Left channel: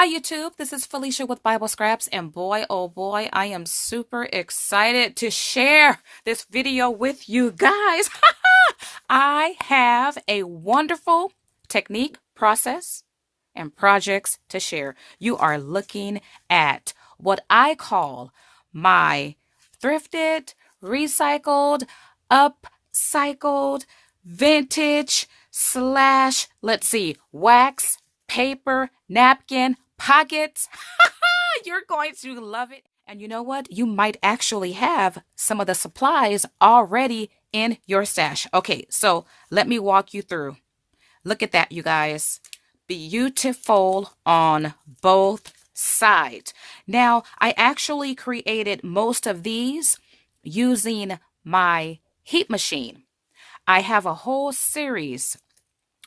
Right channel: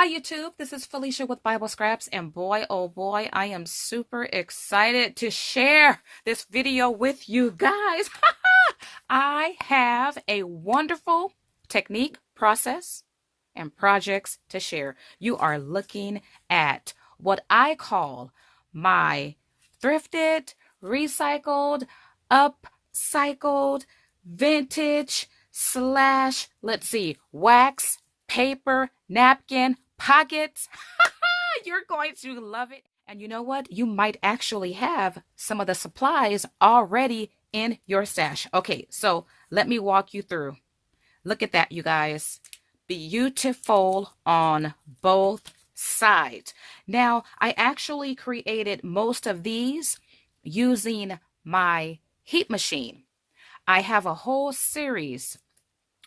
Hi YouTube, this is Felicia with Bible Scraps, and boy oh boy, I am super excited to share this video with you guys. I have a wonderful technique, process, and projects to share. You are looking at what I call my thrifted, recycled, upcycled, vintage slash, let's see, wax, paper, napkin, pockets. You're going to love it. And you know what? You might actually have some of the supplies already in your stash. Okay, so let me walk you through. Look at that, you guys. Beautiful on both sides. Now, I actually created most of these using my heat machine. I have a whole series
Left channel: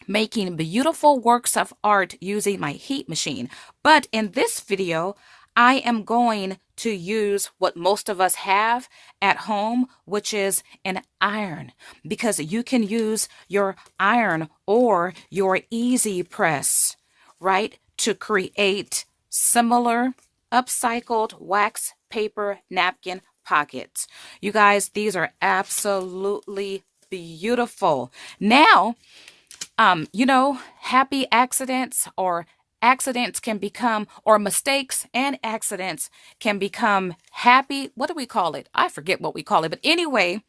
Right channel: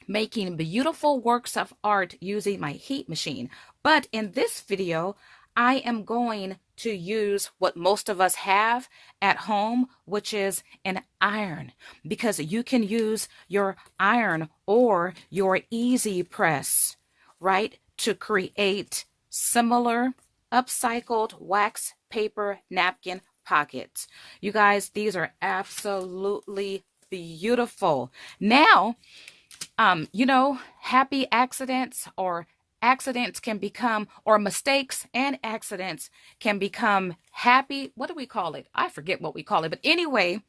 making beautiful works of art using my heat machine. But in this video, I am going to use what most of us have at home, which is an iron, because you can use your iron or your easy press, right, to create similar upcycled wax, paper, napkin pockets. You guys, these are absolutely beautiful. Now, happy accidents or accidents can become, or mistakes and accidents can become happy. What do we call it? I forget what we call it. But anyway,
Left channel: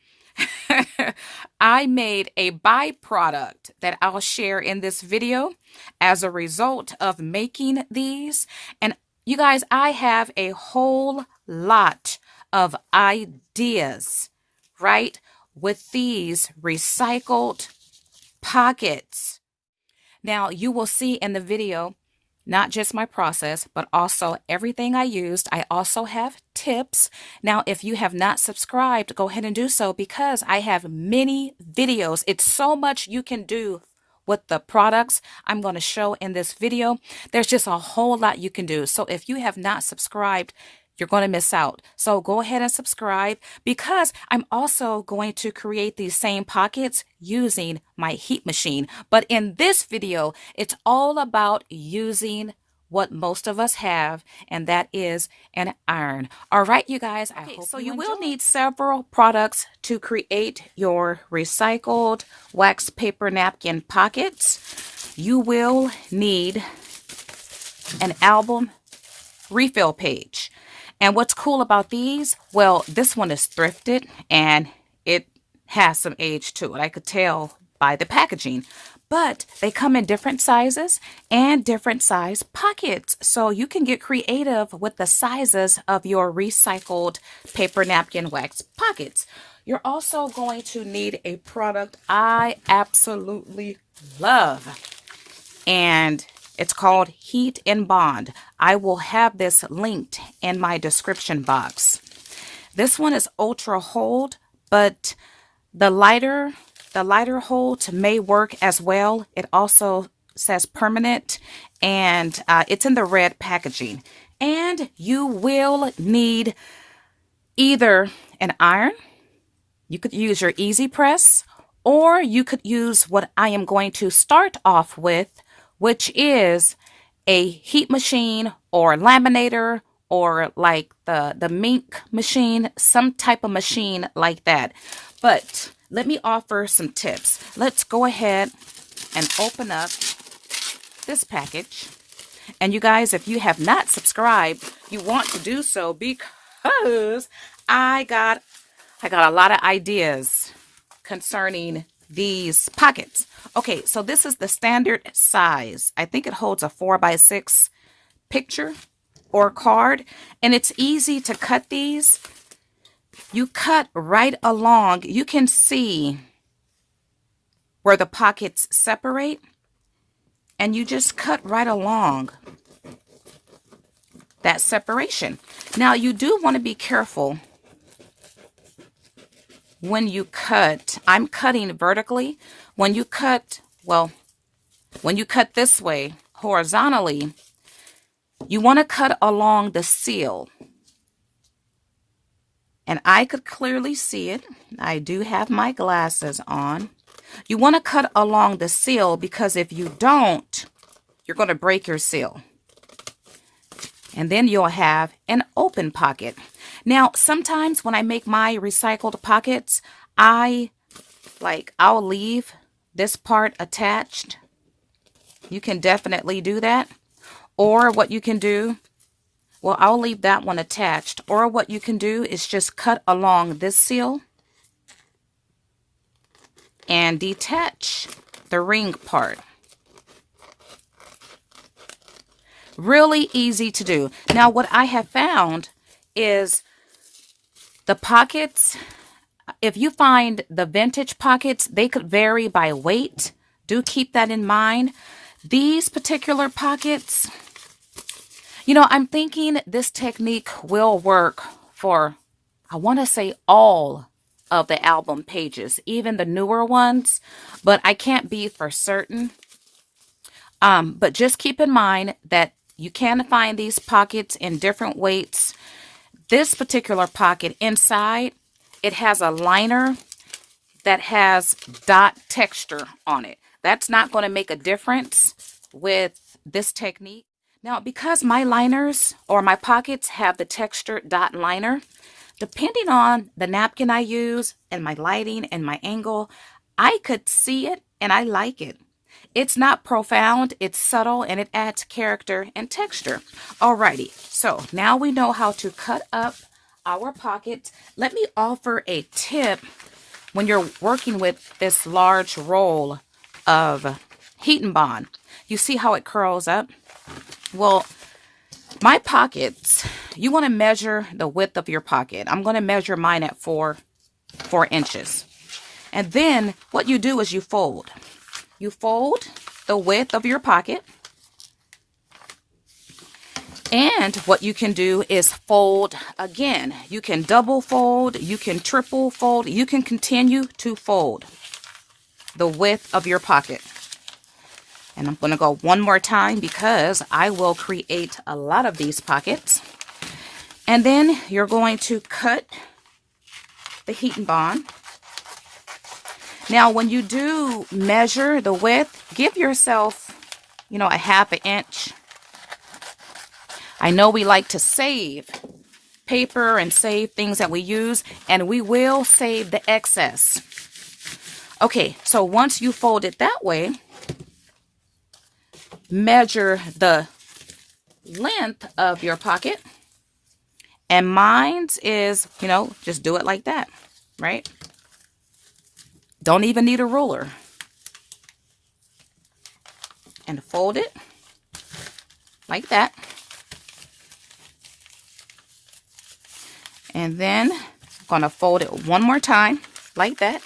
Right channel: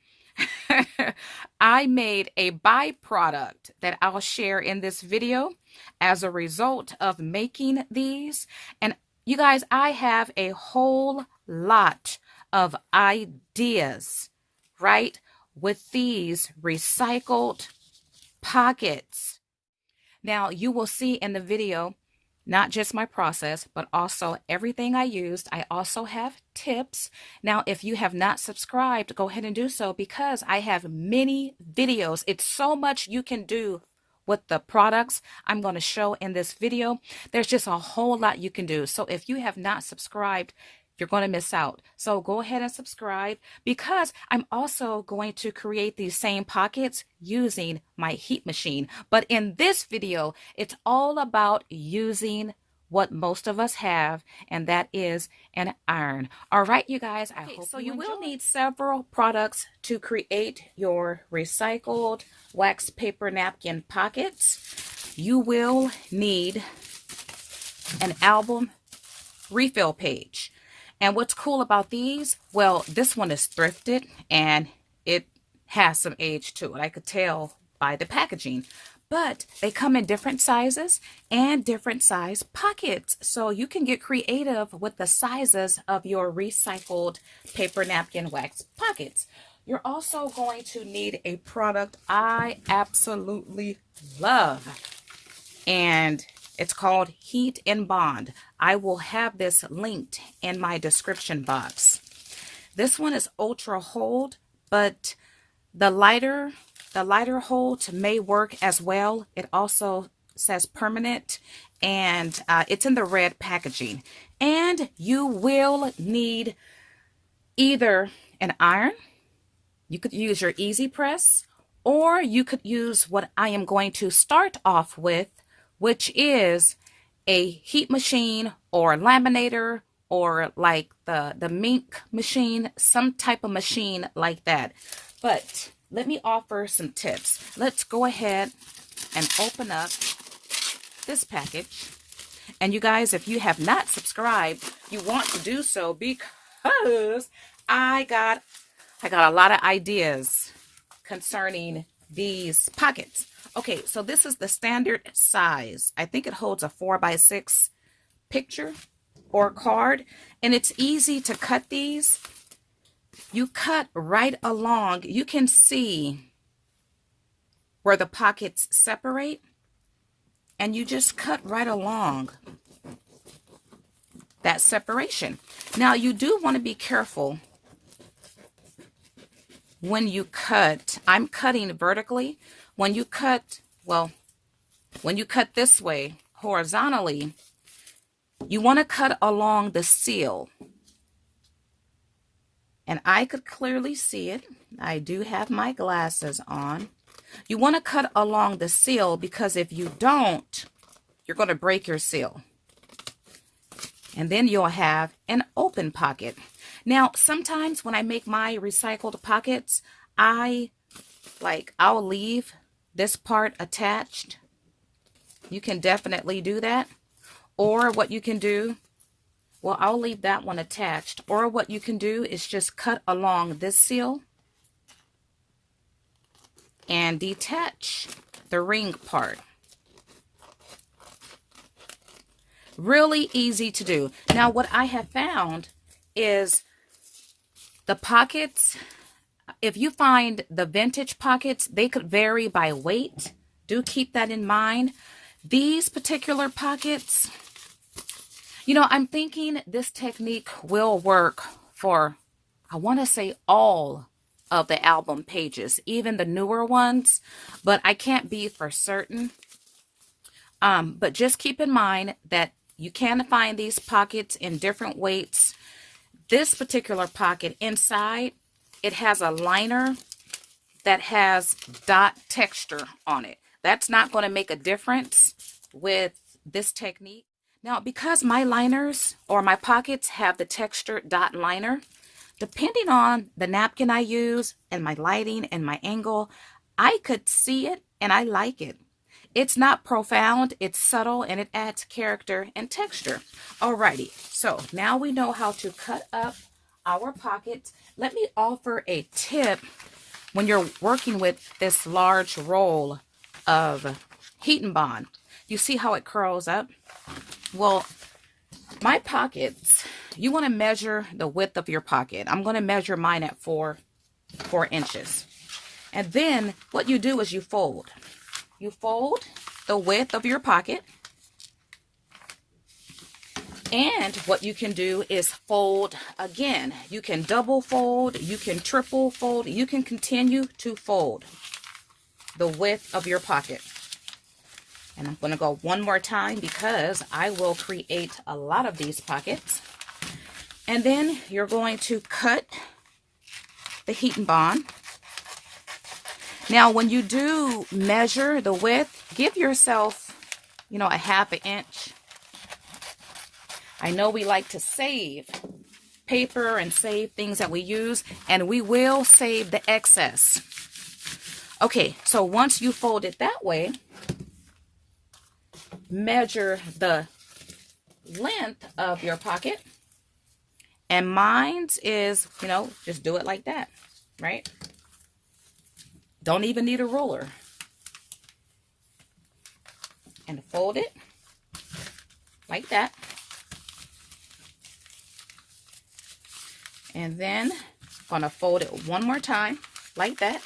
I made a byproduct that I'll share in this video as a result of making these. And you guys, I have a whole lot of ideas, right, with these recycled pockets. Now, you will see in the video not just my process, but also everything I used. I also have tips. Now, if you have not subscribed, go ahead and do so, because I have many videos. It's so much you can do with the products I'm going to show in this video. There's just a whole lot you can do. So if you have not subscribed, you're going to miss out. So go ahead and subscribe, because I'm also going to create these same pockets using my heat machine. But in this video, it's all about using what most of us have, and that is an iron. All right, you guys, I hope you will need several products to create your recycled wax paper napkin pockets. You will need an album refill page. And what's cool about these, well, this one is thrifted and it has some age to it. I could tell by the packaging. But they come in different sizes and different size pockets. So you can get creative with the sizes of your recycled paper napkin wax pockets. You're also going to need a product I absolutely love, and it's called Heat and Bond. I will have this linked in my description box. This one is ultra hold, but the lighter hold may work as well. It also says permanent, and it's in the red packaging. And you will need either an iron, you could use your easy press, or you could use what I am going to start off with, which is a heat machine or laminator, or like the mink machine, some type of machine like that. But let me offer some tips. Let's go ahead and open up this package. And you guys, if you have not subscribed, you want to do so, because I got a lot of ideas concerning these pockets. Okay, so this is the standard size. I think it holds a 4x6 picture or card, and it's easy to cut these. You cut right along. You can see where the pockets separate, and you just cut right along that separation. Now, you do want to be careful when you cut. I'm cutting vertically. When you cut this way horizontally, you want to cut along the seal. And I could clearly see it. I do have my glasses on. You want to cut along the seal, because if you don't, you're going to break your seal. And then you'll have an open pocket. Now, sometimes when I make my recycled pockets, I'll leave this part attached. You can definitely do that. Or what you can do, well, I'll leave that one attached. Or what you can do is just cut along this seal and detach the ring part. Really easy to do. Now, what I have found is the pockets, if you find the vintage pockets, they could vary by weight. Do keep that in mind. These particular pockets, you know, I'm thinking this technique will work for, I want to say, all of the album pages, even the newer ones, but I can't be for certain. But just keep in mind that you can find these pockets in different weights. This particular pocket inside, it has a liner that has dot texture on it. That's not going to make a difference with this technique. Now, because my liners or my pockets have the texture dot liner, depending on the napkin I use and my lighting and my angle, I could see it and I like it. It's not profound, it's subtle, and it adds character and texture. Alrighty, so now we know how to cut up our pockets. Let me offer a tip when you're working with this large roll of heat and bond. You see how it curls up? Well, my pockets, you want to measure the width of your pocket. I'm going to measure mine at 4 inches. And then what you do is you fold. You fold the width of your pocket. And what you can do is fold again. You can double fold, you can triple fold, you can continue to fold the width of your pocket. And I'm going to go one more time because I will create a lot of these pockets. And then you're going to cut the heat and bond. Now, when you do measure the width, give yourself, you know, a 1/2 inch. I know we like to save paper and save things that we use, and we will save the excess. Okay, so once you fold it that way, measure the length of your pocket. And mine is, you know, just do it like that, right? Don't even need a ruler. And fold it like that. And then I'm going to fold it one more time like that.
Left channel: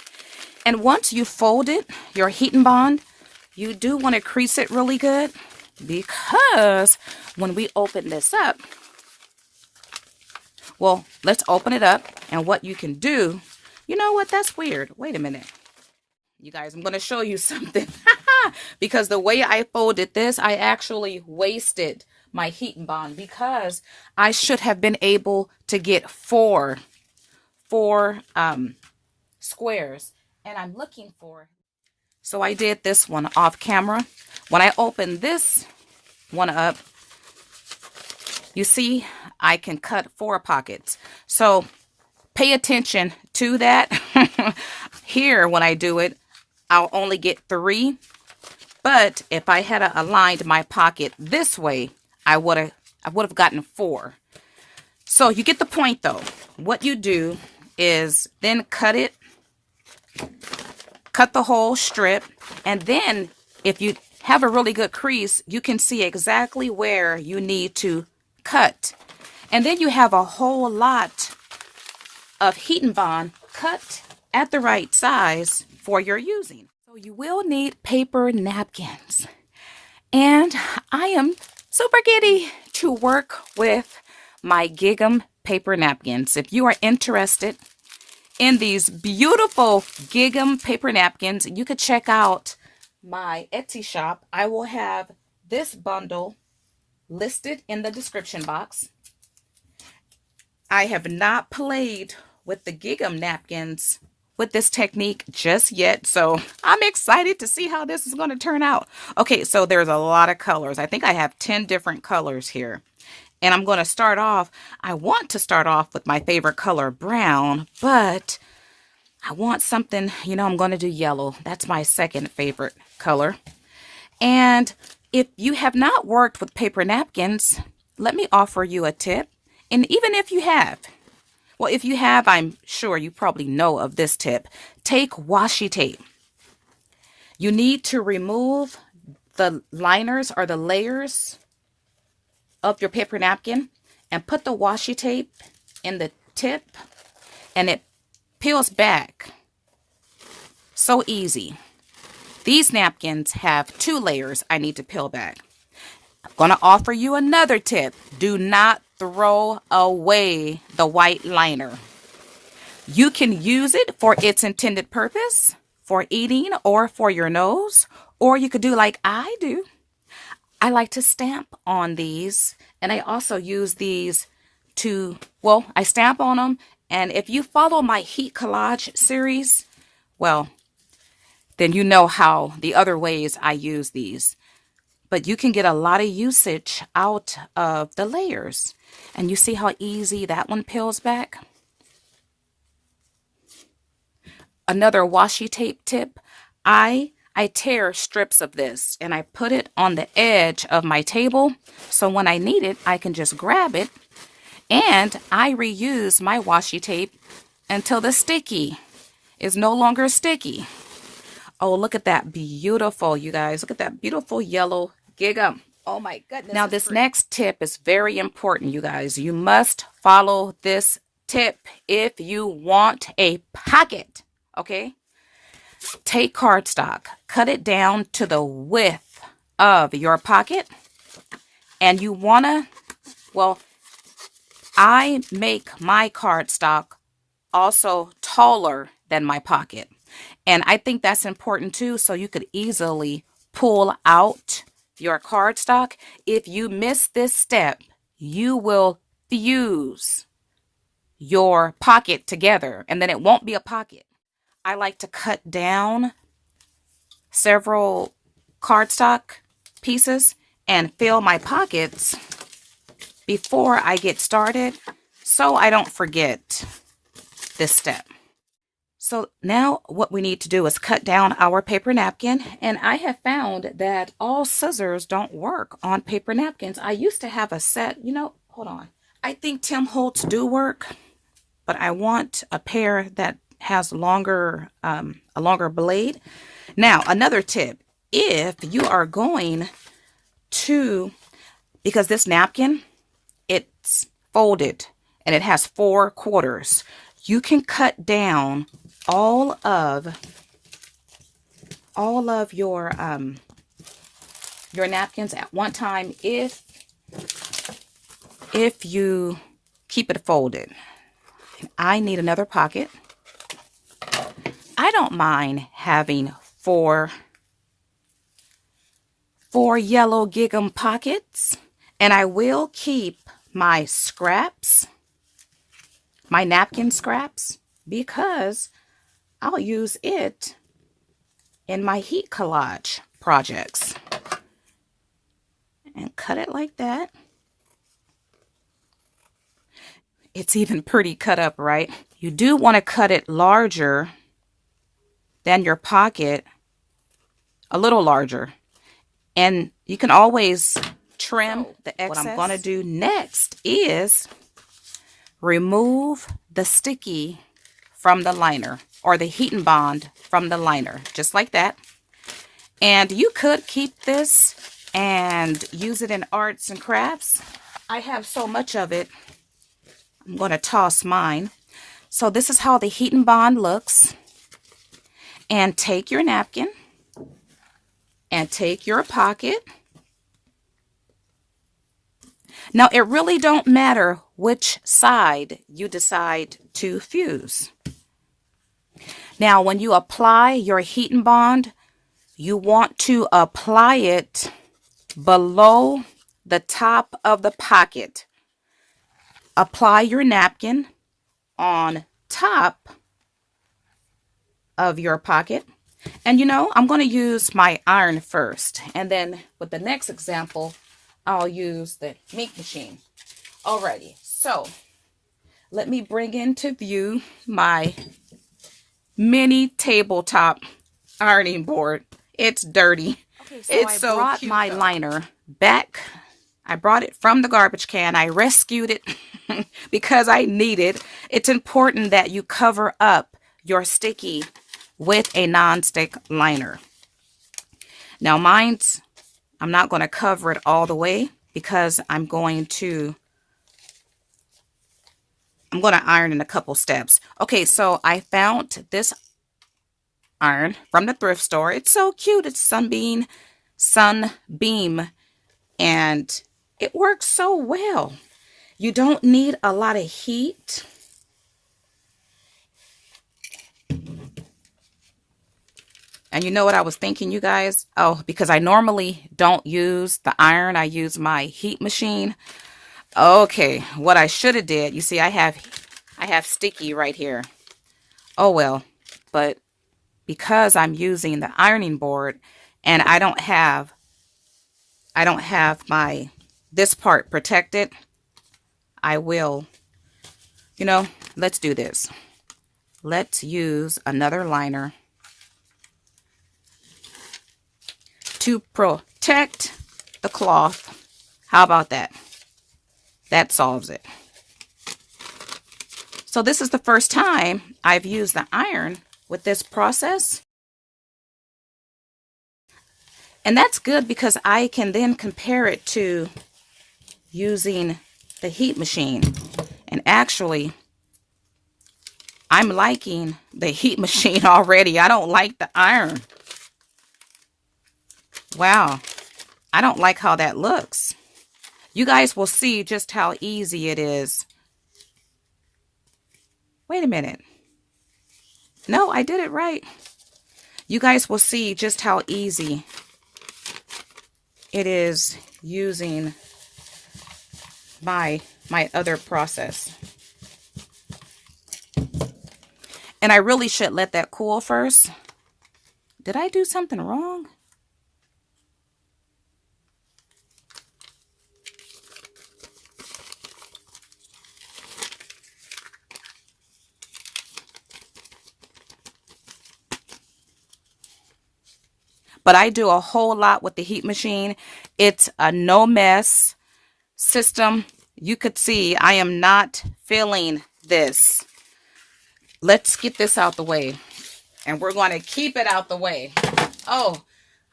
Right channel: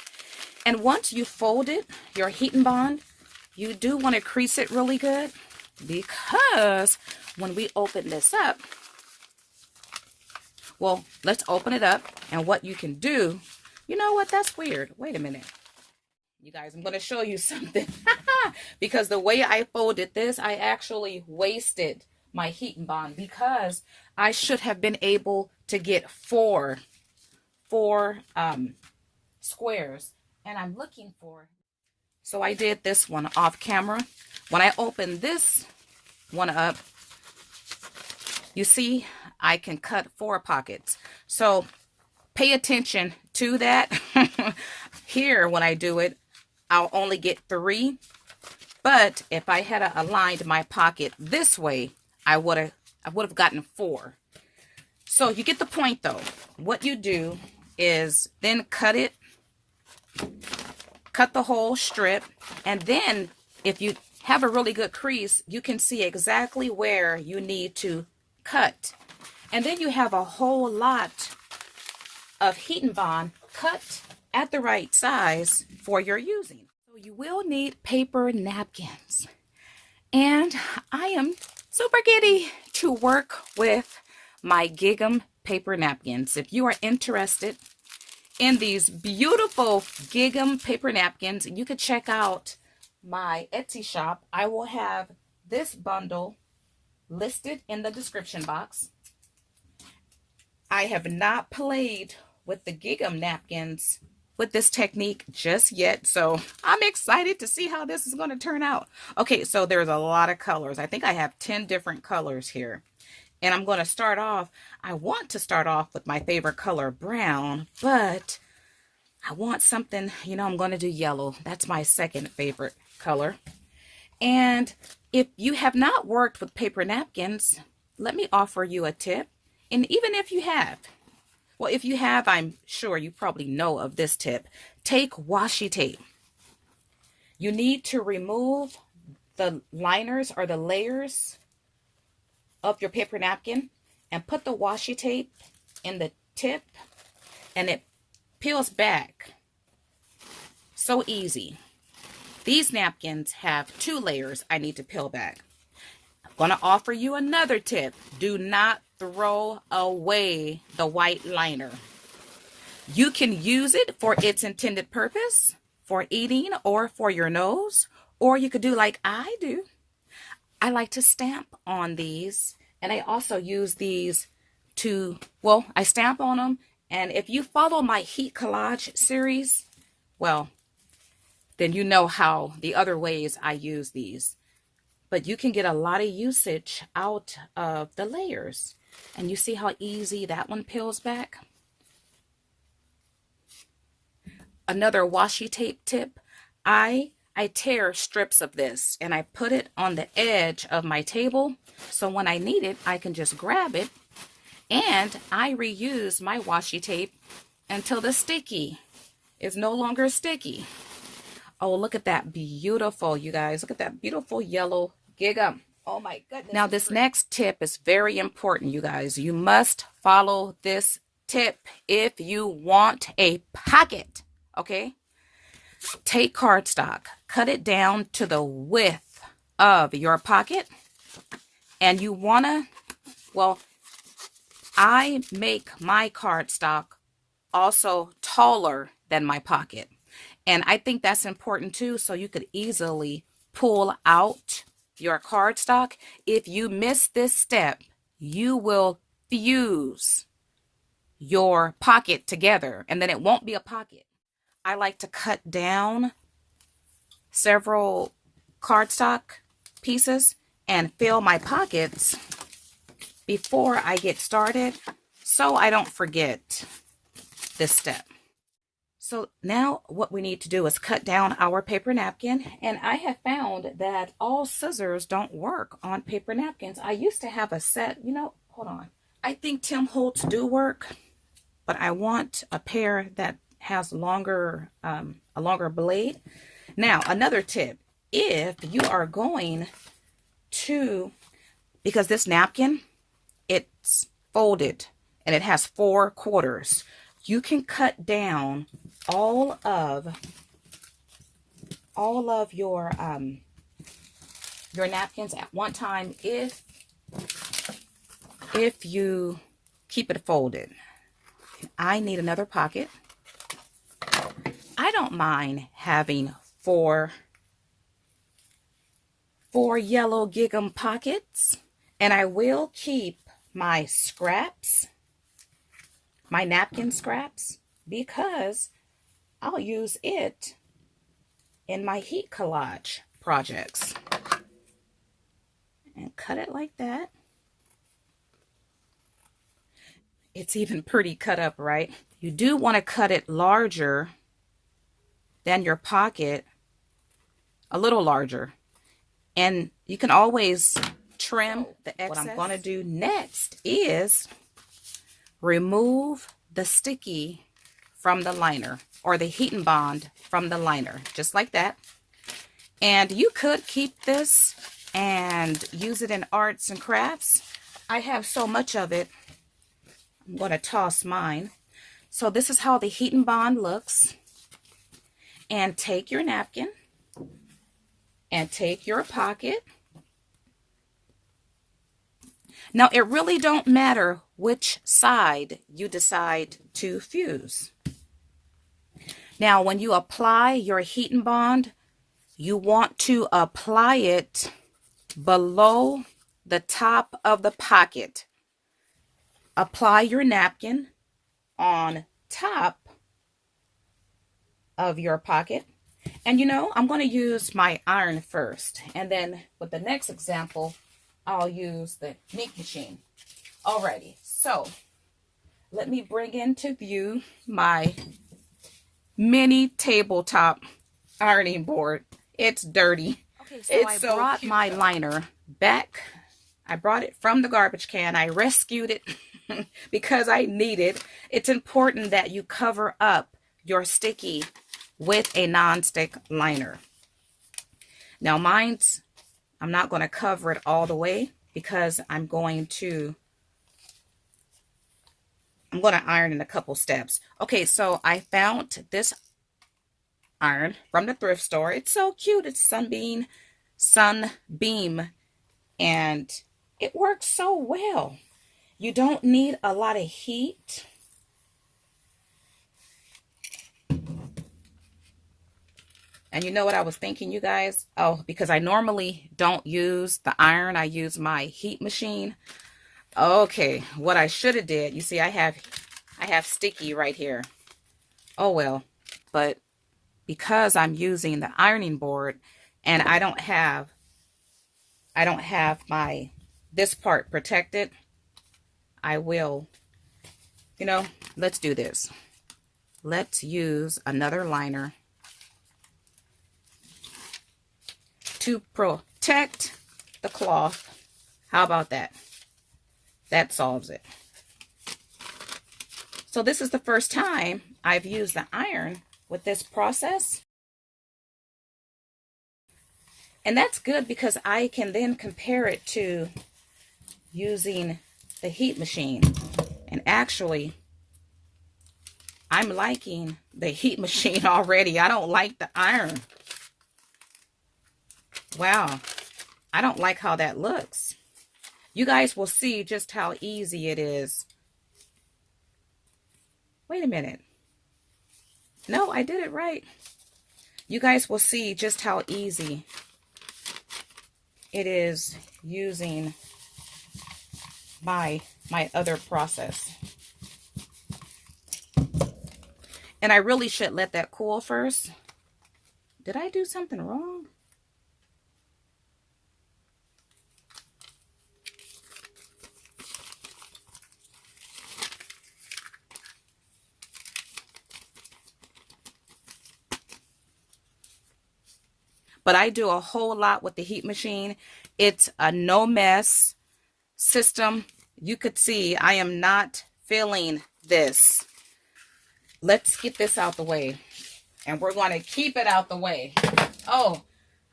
And once you fold it, your heat and bond, you do want to crease it really good, because when we open this up, well, let's open it up. And what you can do, you know what, that's weird. Wait a minute. You guys, I'm going to show you something. Because the way I folded this, I actually wasted my heat and bond, because I should have been able to get four squares, and I'm looking for. So I did this one off camera. When I open this one up, you see I can cut 4 pockets. So pay attention to that. Here, when I do it, I'll only get 3. But if I had aligned my pocket this way, I would have gotten 4. So you get the point, though. What you do is then cut the whole strip, and then if you have a really good crease, you can see exactly where you need to cut. And then you have a whole lot of heat and bond cut at the right size for your using. So you will need paper napkins. And I am super giddy to work with my Gingham paper napkins. If you are interested in these beautiful Gingham paper napkins, you could check out my Etsy shop. I will have this bundle listed in the description box. I have not played with the Gingham napkins with this technique just yet, so I'm excited to see how this is going to turn out. Okay, so there's a lot of colors. I think I have 10 different colors here. And I'm going to start off, I want to start off with my favorite color, brown, but I want something, you know, I'm going to do yellow. That's my second favorite color. And if you have not worked with paper napkins, let me offer you a tip. And even if you have, well, if you have, I'm sure you probably know of this tip. Take washi tape. You need to remove the liners or the layers of your paper napkin and put the washi tape in the tip, and it peels back. So easy. These napkins have 2 layers I need to peel back. I'm going to offer you another tip. Do not throw away the white liner. You can use it for its intended purpose, for eating or for your nose, or you could do like I do. I like to stamp on these, and I also use these to, well, I stamp on them, and if you follow my heat collage series, well, then you know how the other ways I use these. But you can get a lot of usage out of the layers. And you see how easy that one peels back? Another washi tape tip, I tear strips of this and I put it on the edge of my table, so when I need it, I can just grab it, and I reuse my washi tape until the sticky is no longer sticky. Oh, look at that beautiful, you guys. Look at that beautiful yellow gingham. Oh my goodness. Now this next tip is very important, you guys. You must follow this tip if you want a pocket, okay? Take cardstock, cut it down to the width of your pocket, and you wanna, well, I make my cardstock also taller than my pocket. And I think that's important too, so you could easily pull out your cardstock. If you miss this step, you will fuse your pocket together, and then it won't be a pocket. I like to cut down several cardstock pieces and fill my pockets before I get started, so I don't forget this step. So now what we need to do is cut down our paper napkin, and I have found that all scissors don't work on paper napkins. I used to have a set, you know, hold on. I think Tim Holtz do work, but I want a pair that has longer, a longer blade. Now, another tip, if you are going to, because this napkin, it's folded and it has 4 quarters, you can cut down all of your napkins at one time if you keep it folded. I need another pocket. I don't mind having four yellow gingham pockets, and I will keep my scraps, my napkin scraps, because I'll use it in my heat collage projects. And cut it like that. It's even pretty cut up, right? You do want to cut it larger than your pocket, a little larger. And you can always trim the excess. What I'm going to do next is remove the sticky from the liner, or the heat and bond from the liner, just like that. And you could keep this and use it in arts and crafts. I have so much of it, I'm going to toss mine. So this is how the heat and bond looks. And take your napkin and take your pocket. Now, it really don't matter which side you decide to fuse. Now, when you apply your heat and bond, you want to apply it below the top of the pocket. Apply your napkin on top of your pocket. And you know, I'm going to use my iron first. And then with the next example, I'll use the ink machine. Alrighty, so let me bring into view my mini tabletop ironing board. It's dirty. Okay, so I brought my liner back. I brought it from the garbage can. I rescued it because I need it. It's important that you cover up your sticky with a non-stick liner. Now mine's, I'm not going to cover it all the way because I'm going to iron in a couple steps. Okay, so I found this iron from the thrift store. It's so cute. It's Sunbeam, and it works so well. You don't need a lot of heat. And you know what I was thinking, you guys? Oh, because I normally don't use the iron. I use my heat machine. Okay, what I should have did, you see, I have sticky right here. Oh well, but because I'm using the ironing board and I don't have my this part protected, I will, you know, let's do this. Let's use another liner to protect the cloth. How about that? That solves it. So this is the first time I've used the iron with this process. And that's good because I can then compare it to using the heat machine. And actually, I'm liking the heat machine already. I don't like the iron. Wow. I don't like how that looks. You guys will see just how easy it is. Wait a minute. No, I did it right. You guys will see just how easy it is using my other process. And I really should let that cool first. Did I do something wrong? But I do a whole lot with the heat machine. It's a no mess system. You could see I am not feeling this. Let's get this out the way. And we're going to keep it out the way. Oh,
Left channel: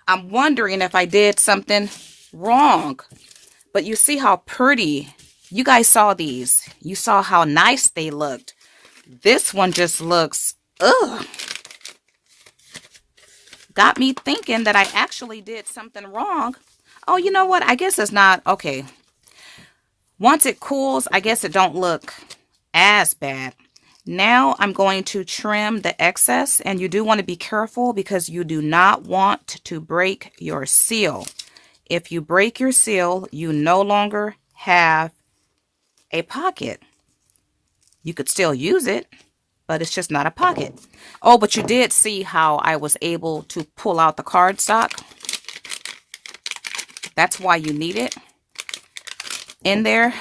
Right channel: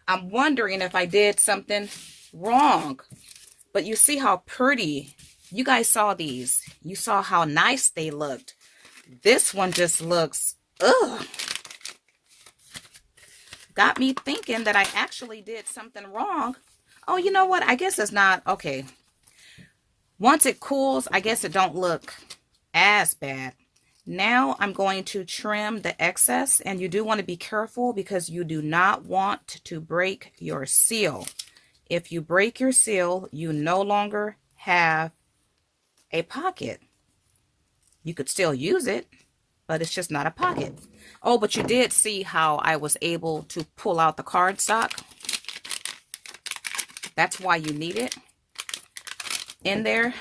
I'm wondering if I did something wrong. But you see how pretty. You guys saw these. You saw how nice they looked. This one just looks, ugh. Got me thinking that I actually did something wrong. Oh, you know what? I guess it's not. Okay. Once it cools, I guess it don't look as bad. Now I'm going to trim the excess, and you do want to be careful because you do not want to break your seal. If you break your seal, you no longer have a pocket. You could still use it, but it's just not a pocket. Oh, but you did see how I was able to pull out the cardstock. That's why you need it in there.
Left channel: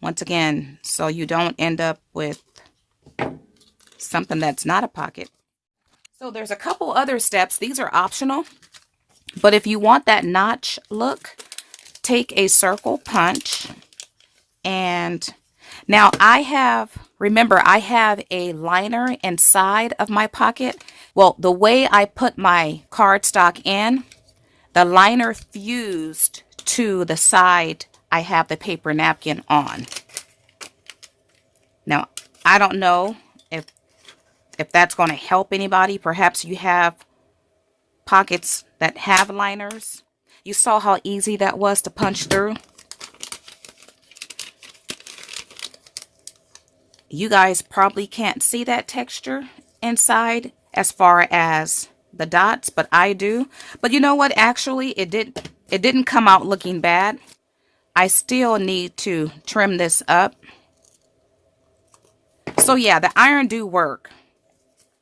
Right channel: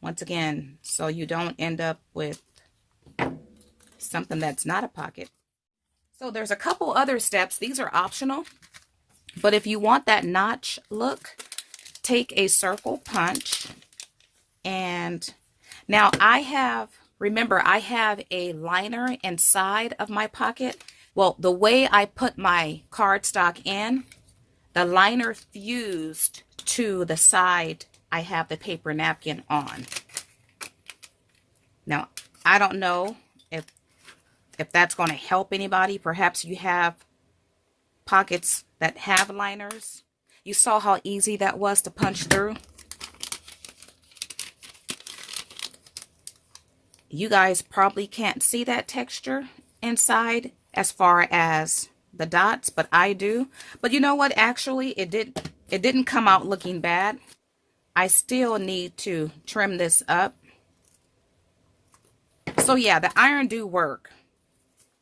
Once again, so you don't end up with something that's not a pocket. So there's a couple other steps. These are optional. But if you want that notch look, take a circle punch. And now remember, I have a liner inside of my pocket. Well, the way I put my cardstock in, the liner fused to the side I have the paper napkin on. Now, I don't know if that's going to help anybody. Perhaps you have pockets that have liners. You saw how easy that was to punch through. You guys probably can't see that texture inside as far as the dots, but I do. But you know what? Actually, it didn't come out looking bad. I still need to trim this up. So yeah, the iron do work.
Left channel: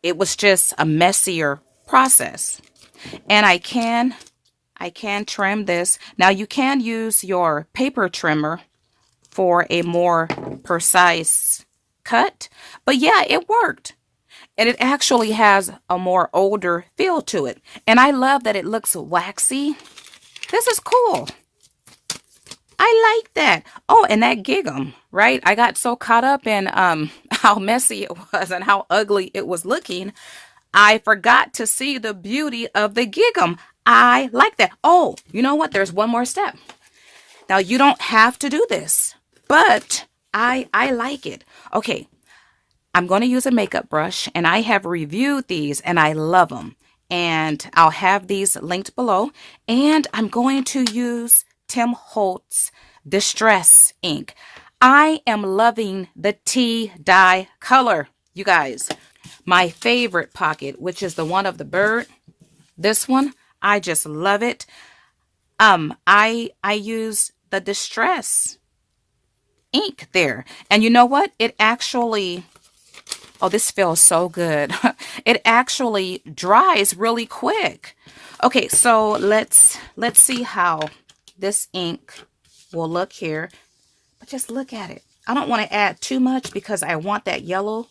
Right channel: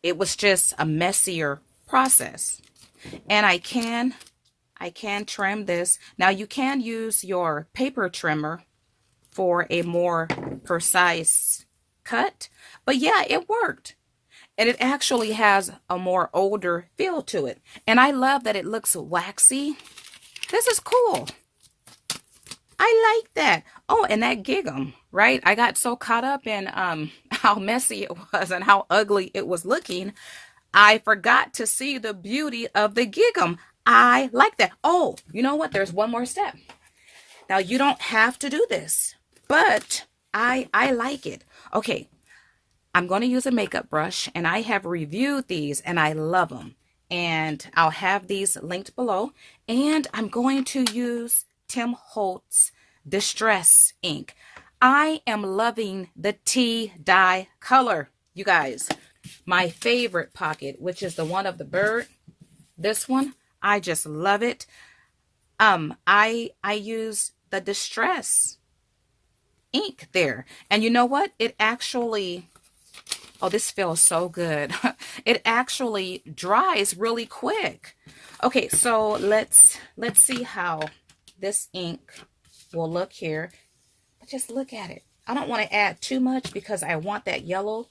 It was just a messier process. And I can trim this. Now you can use your paper trimmer for a more precise cut. But yeah, it worked. And it actually has a more older feel to it. And I love that it looks waxy. This is cool. I like that. Oh, and that Gingham, right? I got so caught up in how messy it was and how ugly it was looking. I forgot to see the beauty of the Gingham. I like that. Oh, you know what? There's one more step. Now, you don't have to do this, but I like it. Okay, I'm going to use a makeup brush, and I have reviewed these, and I love them. And I'll have these linked below. And I'm going to use Tim Holtz Distress ink. I am loving the tea dye color, you guys. My favorite pocket, which is the one of the bird. This one, I just love it. I use the Distress ink there. And you know what? It actually, oh, this feels so good. It actually dries really quick. Okay, so let's see how this ink will look here. But just look at it. I don't want to add too much because I want that yellow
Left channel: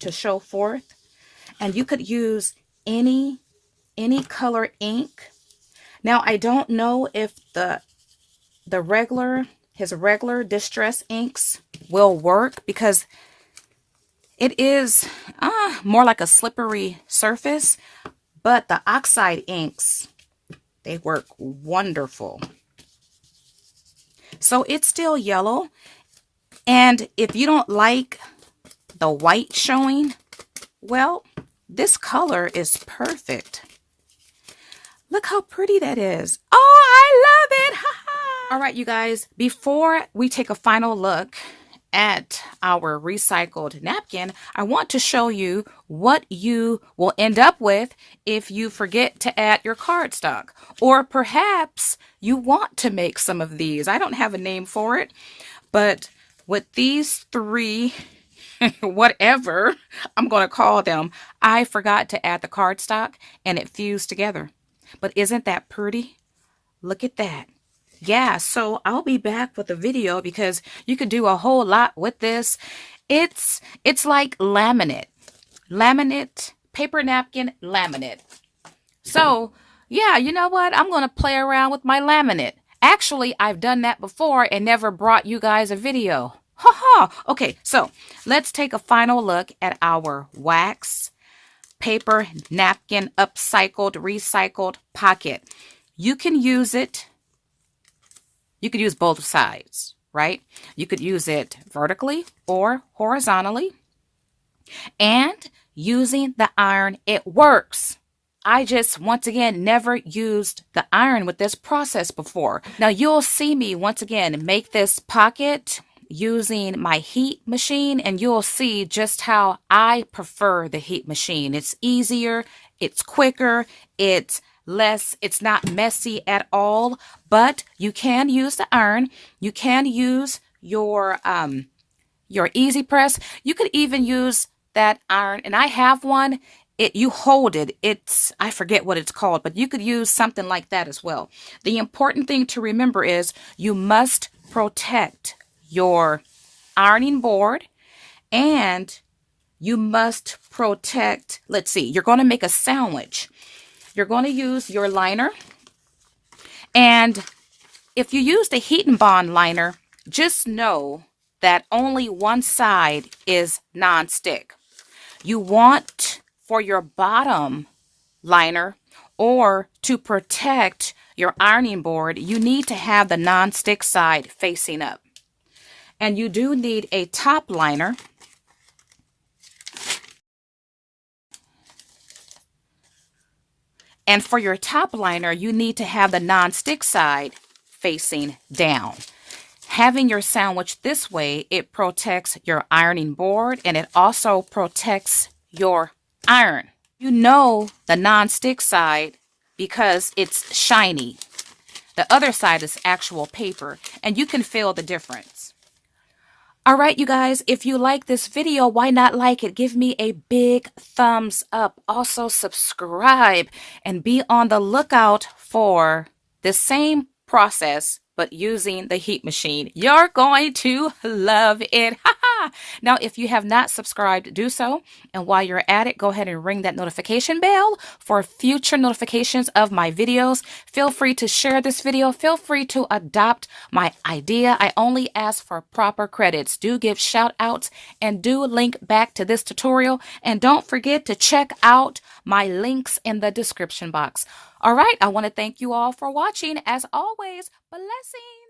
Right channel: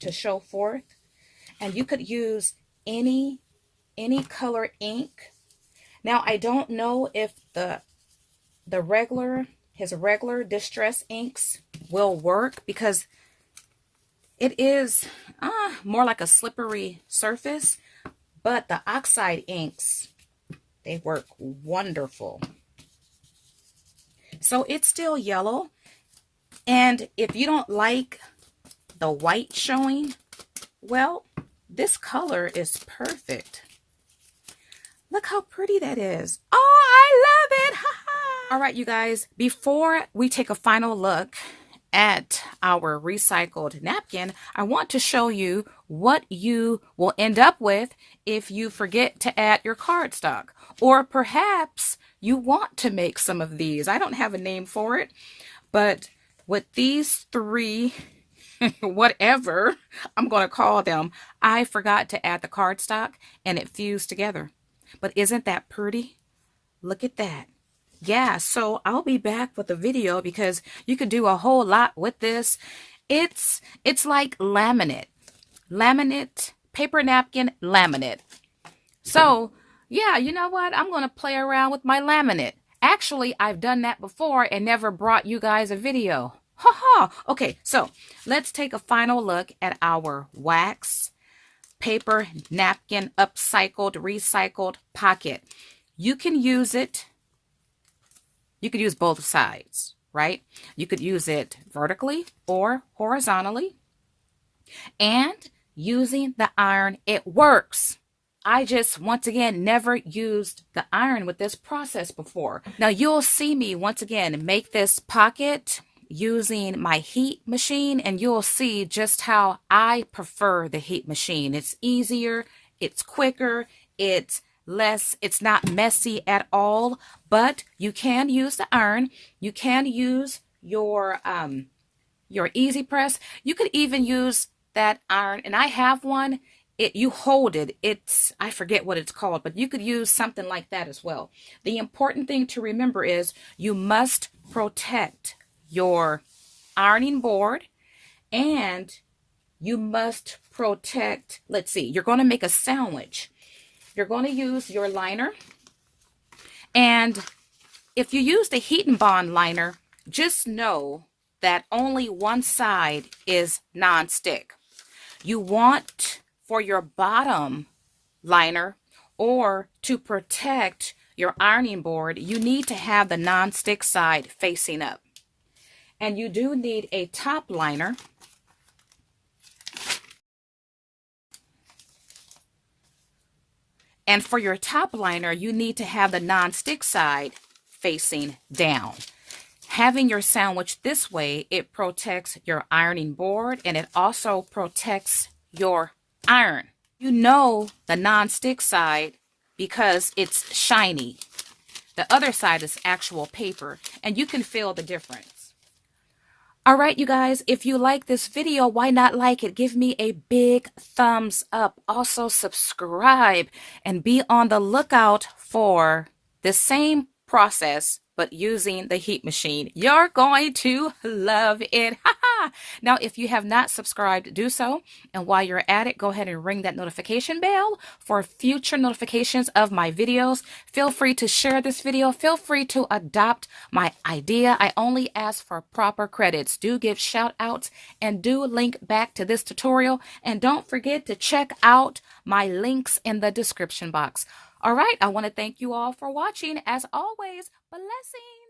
to show forth. And you could use any color ink. Now, I don't know if his regular Distress inks will work because it is more like a slippery surface, but the Oxide inks, they work wonderful. So it's still yellow, and if you don't like the white showing, well, this color is perfect. Look how pretty that is. Oh, I love it. All right, you guys, before we take a final look at our recycled napkin, I want to show you what you will end up with if you forget to add your cardstock. Or perhaps you want to make some of these. I don't have a name for it, but with these three, whatever I'm going to call them, I forgot to add the cardstock and it fused together. But isn't that pretty? Look at that. Yeah, so I'll be back with a video because you could do a whole lot with this. It's like laminate, paper napkin laminate. So yeah, you know what? I'm going to play around with my laminate. Actually, I've done that before and never brought you guys a video. Ha ha. Okay, so let's take a final look at our wax paper napkin upcycled, recycled pocket. You can use it. You could use both sides, right? You could use it vertically or horizontally. And using the iron, it works. I just, once again, never used the iron with this process before. Now, you'll see me, once again, make this pocket using my heat machine, and you'll see just how I prefer the heat machine. It's easier, it's quicker, it's not messy at all, but you can use the iron. You can use your easy press. You could even use that iron, and I have one. You hold it. I forget what it's called, but you could use something like that as well. The important thing to remember is you must protect your ironing board, and you must protect, let's see, you're going to make a sandwich. You're going to use your liner, and if you use the Heat and Bond liner, just know that only one side is non-stick. You want for your bottom liner or to protect your ironing board, you need to have the non-stick side facing up. And you do need a top liner. And for your top liner, you need to have the non-stick side facing down. Having your sandwich this way, it protects your ironing board and it also protects your iron. You know the non-stick side because it's shiny. The other side is actual paper, and you can feel the difference. All right, you guys, if you like this video, why not like it? Give me a big thumbs up. Also, subscribe and be on the lookout for the same process but using the heat machine. You're going to love it. Now, if you have not subscribed, do so. And while you're at it, go ahead and ring that notification bell for future notifications of my videos. Feel free to share this video. Feel free to adopt my idea. I only ask for proper credits. Do give shout outs and do link back to this tutorial. And don't forget to check out my links in the description box. All right, I want to thank you all for watching. As always, blessings.